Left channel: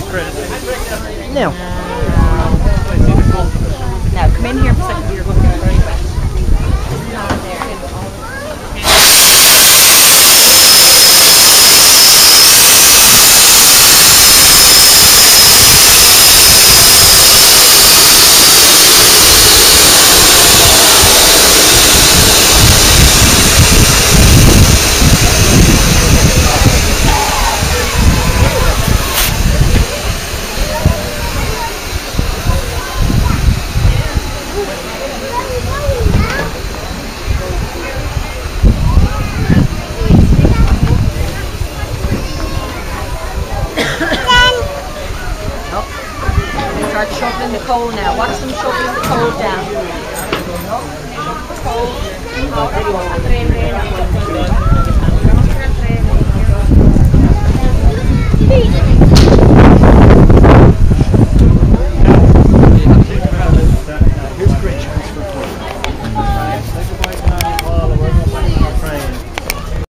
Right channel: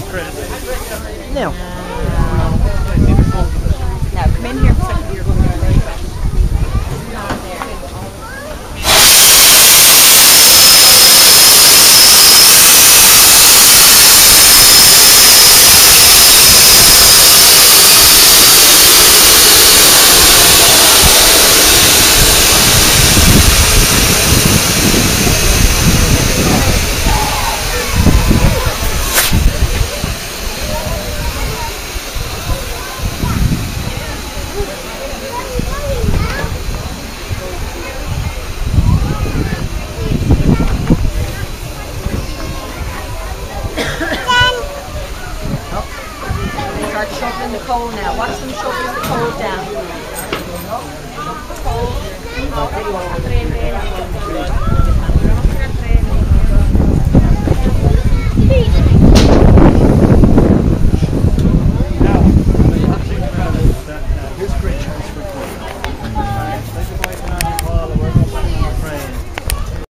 No. Now come in here for a second. You're going to get very wet. Start shoveling the coal now. Watch them shoveling the coal down. Shove the coal.